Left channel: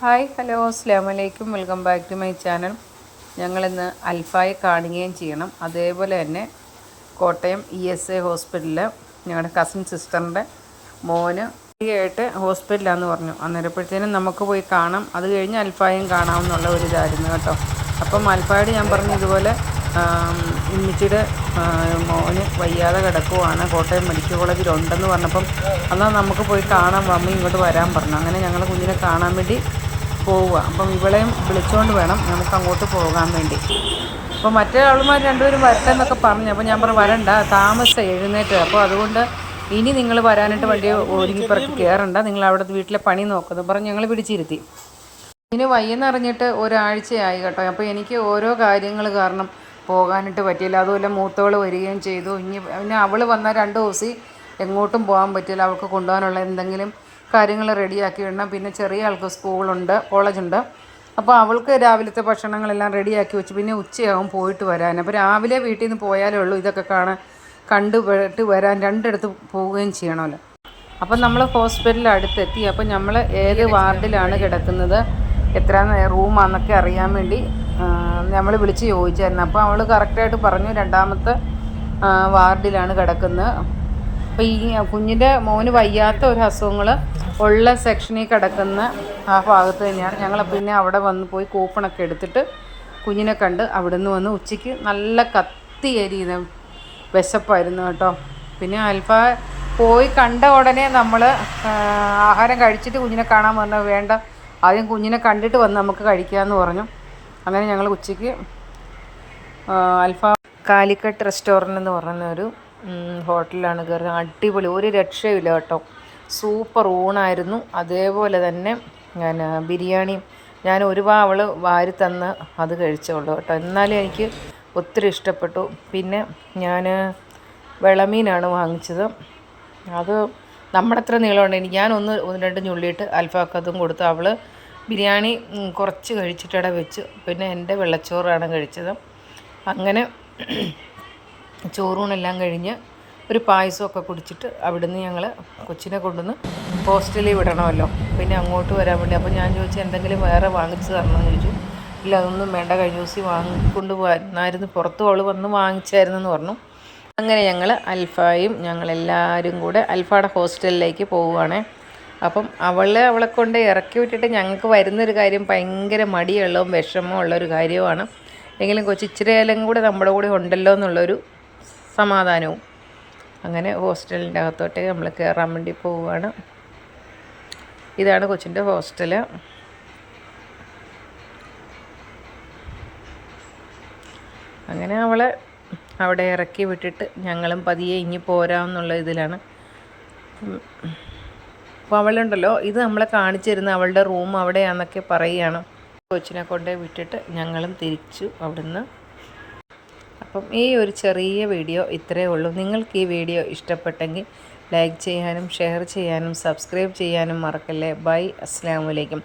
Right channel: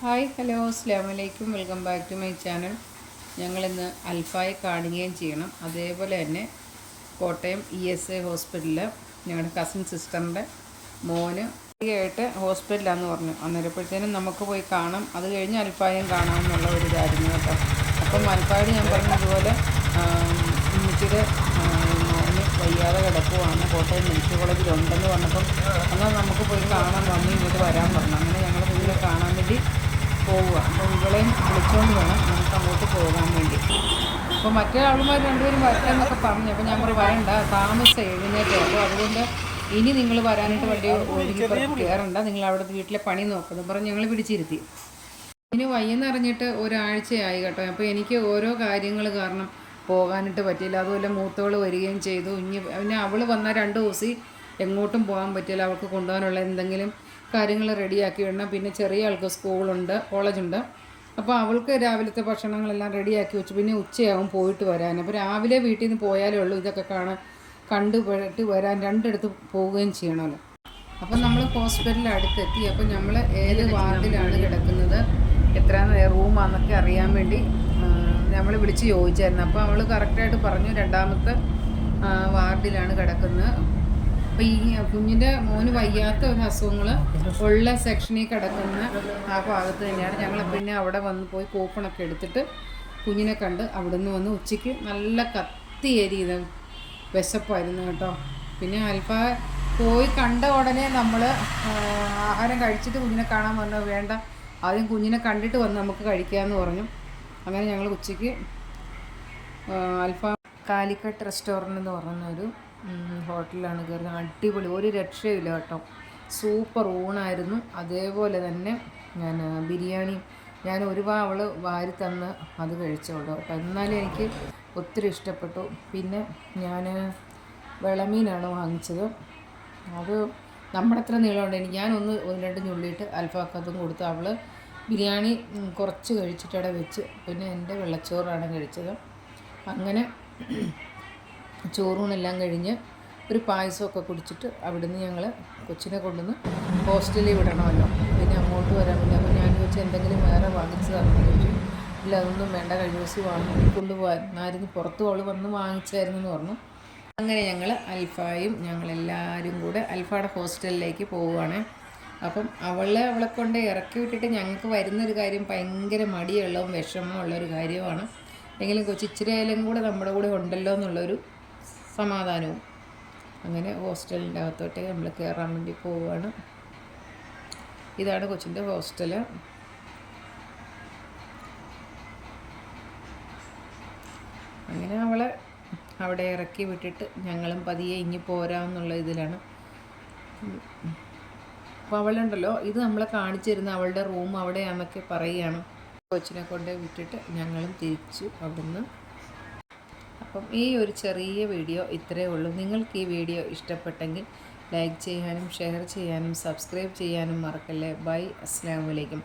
Hi hello അസ്ലാമലൈക്കും welcome back to my channel. ഞങ്ങളിന്ന് അൽഫായി കാണുകയും ചെയ്യണം. അതേപോലെ തന്നെ കോട്ടയം ഇ എസ് എ ഹോസ്പിറ്റലിൽ ഞങ്ങളുടെ കസിൻ സിസ്റ്ററിന്റെ മോന് ആയിട്ട് ഹോസ്പിറ്റലാന്ന് പറഞ്ഞു. അന്നേരപ്പോഴത്തേനും നമുക്ക് പോയി കാണാം. അത് കഴിഞ്ഞ് അൽഫായും കാണാമെന്നുള്ള ഒരു ഇതായിരുന്നു കേട്ടോ. അപ്പം അൽഫായോട് ഞാൻ പറഞ്ഞു ഇതുപോലെ ഉമ്മിച്ചിയുടെ മോന് വയ്യാതെ കിടക്കുവാണ്. കോട്ടയം മെഡിക്കൽ കോളേജിൽ ഉണ്ടെന്ന് പറഞ്ഞപ്പം എന്നാൽ നമുക്ക് പോയി കാണാൻ വമ്മ ഇങ്ങോട്ട് വരാൻ പറഞ്ഞു. അങ്ങനെ ഞങ്ങൾ കുഞ്ഞിനെ കാണാൻ വേണ്ടി പോവുക. അപ്പം ഇവളെയും വിളിച്ചുകൊണ്ട് വേണം നമുക്ക് അങ്ങോട്ട് പോകാൻ വേണ്ടി. അപ്പോൾ മറ്റേ ആളുമാർ രണ്ടുപേരും വരട്ടെ എന്നൊക്കെ പറഞ്ഞു. അപ്പോൾ ഞാൻ പറഞ്ഞു വരണ്ട താമസം എഴുന്നേറ്റ് അപ്പോൾ അതുകൊണ്ട് ഇനി നിങ്ങൾ വരാനായിട്ട് വണ്ടി ഒരുങ്ങി പറക്കി കയറണ്ട നിങ്ങൾ അവിടെ വീട്ടിലെ പണി നോക്കുന്നു പറഞ്ഞ് ഞങ്ങൾ പിടിച്ചിരുത്തി. ഇനി വയ്യെന്നറിഞ്ഞിട്ട് ഒരാഴ്ചയായി കേട്ടോ. അപ്പോൾ എനിക്ക് ഓരോ കാര്യങ്ങൾ കാരണം പോകാനായിട്ട് പറ്റിയില്ല. അതുപോലെ മൂത്തവൾ വരികയും ചെയ്തു. ഇനി പിന്നെ അവൾ വന്ന രണ്ട് ദിവസം എങ്ങോട്ടും പോകാൻ പറ്റില്ല. അവൾക്ക് കൊണ്ടുപോകാനുള്ള എന്തെങ്കിലും കാര്യങ്ങൾ റെഡിയാക്കി വിടണം. പിന്നെ ചെറിയ ആൾക്ക് സ്കൂളുണ്ട് കോളേജുണ്ട്. അപ്പോൾ അവൾക്ക് രാവിലത്തെ ഭക്ഷണങ്ങളെല്ലാം റെഡിയാക്കി വെച്ച്. പിന്നെ ഉച്ചയാവും പോയിട്ട് വരാൻ. അപ്പോൾ രാവിലെ വീട്ടിൽ നിന്ന് പോയാലേ ഉള്ളൂ. ഇതൊക്കെ കാണാൻ കണ്ടുപെട്ട് വരാൻ രണ്ടിടത്ത് പോവുകയും ചെയ്യണമല്ലോ അപ്പം നമ്മൾ ഹോസ്പിറ്റലിൽ അടുത്തെത്തി. അപ്പം നമ്മൾ ഏത് വാർഡിലാണ് കിടക്കുന്നത് എത്ര റൂമാണെന്നൊക്കെ അറിയാൻ വേണ്ടി നമ്മൾ വിളിച്ച് ചോദിച്ചായിരുന്നു. അപ്പോൾ അവൾ കറക്റ്റായിട്ട് പറഞ്ഞു രണ്ടാമത്തെ വാർഡിലാണ് കിടക്കുന്നത്. അപ്പോൾ ഈ കുഞ്ഞിന്റെ മോന് വയ്യാത്ത ഒരു അസുഖങ്ങൾ ഉള്ള സെക്ഷനിൽ കിടക്കുന്ന ആ ഭാഗത്ത് തന്നെയാണ്. ഞങ്ങൾ പിന്നെ അവിടെ വന്ന് പോയി കൂപ്പണൊക്കെ എടുത്തിട്ട് കുഞ്ഞിനെ കണ്ട് അവിടുന്ന് വന്ന് ഉച്ചയ്ക്ക് നല്ല കത്തി എരിയുന്ന വിശപ്പായിരുന്നു കേട്ടോ. പിന്നെ അൽഫ പോയി കണ്ട ഉടനെ നമ്മൾ ആഹാരം കഴിച്ചിട്ട് കുഞ്ഞിനെ കാണാൻ പറഞ്ഞാൽ വേണ്ട ആദ്യം കുഞ്ഞിനെ കണ്ടിട്ട് വന്ന് നമുക്ക് കഴിക്കാമെന്ന് പറഞ്ഞു. അങ്ങനെ ഞങ്ങൾ ഉച്ചയ്ക്ക് അൽഫ കാലിക്കട്ട് റെസ്റ്റോറന്റ് എന്ന് പറഞ്ഞൊരു ഒരു കയറി അടിപൊളി ഒരു രക്ഷയില്ല കേട്ടോ. സൂപ്പർ ഊണായിരുന്നു. അതേപോലെ തന്നെ ഞാൻ ബിരിയാണി ഞാൻ ഒരു അവൾ വാരി തന്ന് അത് കഴിച്ചോളൂ കേട്ടോ. എന്നാലും എനിക്ക് ഒത്തിരി ഇഷ്ടപ്പെട്ടു. പിന്നെ ഞാൻ വിളമീനാണ് വാങ്ങിച്ചത്. അത് നമ്മുടെ അത്ര നീളമുണ്ട്. ഞാൻ ഒന്ന് രണ്ട് ഞുള്ളിയിട്ട് അൽഫാക്കതും കൊടുത്തു. അവൾ ബിരിയാണി കുറച്ച് കഴിച്ചിട്ടവിടെ വെച്ച്. പിന്നെ എന്റെ വെള്ളച്ചോറാണ് കഴിച്ചത്. അങ്ങനെ ചോറൂണെല്ലാം കഴിഞ്ഞ് ഒരു പായസമൊക്കെ കുടിച്ചിട്ട് അവിടുന്ന് ഞങ്ങൾ കൊച്ചിനെ കൊണ്ടുവന്ന് ഹോസ്റ്റലിൽ വിടണമല്ലോ. പിന്നെ അങ്ങോട്ട് വരാൻ വേണ്ടി. അപ്പോൾ ഞാൻ ചോദിച്ചു എന്തെങ്കിലും വേറെ വാങ്ങിച്ചു തരണമെന്ന് ചോദിച്ചു. ഇല്ല അതൊന്നും വേണ്ട. കഴിഞ്ഞ ദിവസം വാങ്ങിക്കൊണ്ട് പോകാനായിരുന്നു പുറത്ത് അവൾ വന്ന് വാങ്ങിച്ചായിരുന്നു എന്ന് പറഞ്ഞു. അങ്ങനെ ഞങ്ങൾ അൽഫായും ഞങ്ങളെല്ലാവരും കൂടെ അൽഫയുടെ ഹോസ്റ്റലിലേക്ക് പോവുകയാണ്. അപ്പം അവളെ അവളെ കൊണ്ട് ഇറക്കി വിട്ടിട്ട് ഞങ്ങൾക്ക് വരുന്നൊരു കാര്യം ഭയങ്കര മടിയുള്ളതും വിഷമവും ഉള്ളൊരു കാര്യമാണ് എങ്കിലും കൊച്ചിച്ചിരയിലും കൂടെ നമ്മുടെ കൂടെ ഉണ്ടല്ലോ എന്നുള്ളൊരു സമാധാനവും. അങ്ങനെ ഹോസ്റ്റലിന്റെ അകത്തോട്ട് നമ്മൾ കയറാൻ വേണ്ടി പോവുകയാണ്. ഇതാണ് കൊച്ചിന്റെ ഹോസ്റ്റൽ. അങ്ങനെ അവളെ അവിടെ ഇറക്കി വിട്ടിട്ട് ഞങ്ങളും പതിയെ ഇനി പോരാമെന്നുള്ള ഇതിലാണ്. അപ്പോൾ അവളുണ്ടല്ലോ ഇത് നമ്മളെ കാണിച്ചു തരുന്ന അവളുടെ റൂം അവിടെയാണെന്നൊക്കെ പറയുകയാണ്. കൊച്ചിനെ കൊണ്ടേ വിട്ടിട്ട് ഞങ്ങളും തിരിച്ചു അവിടുന്ന് അപ്പം ഈ ഒരു ചെറിയ വീഡിയോ ഇത്രയേ ഉള്ളൂ. നിങ്ങൾക്ക് ഈ വീഡിയോ ഇഷ്ടപ്പെട്ടെങ്കിൽ ലൈക്ക് ചെയ്യാനും ഷെയർ ചെയ്യാനും സബ്സ്ക്രൈബ് ചെയ്യാനും മറക്കല്ലേ. ബൈ. അസ്ലാമലൈക്കും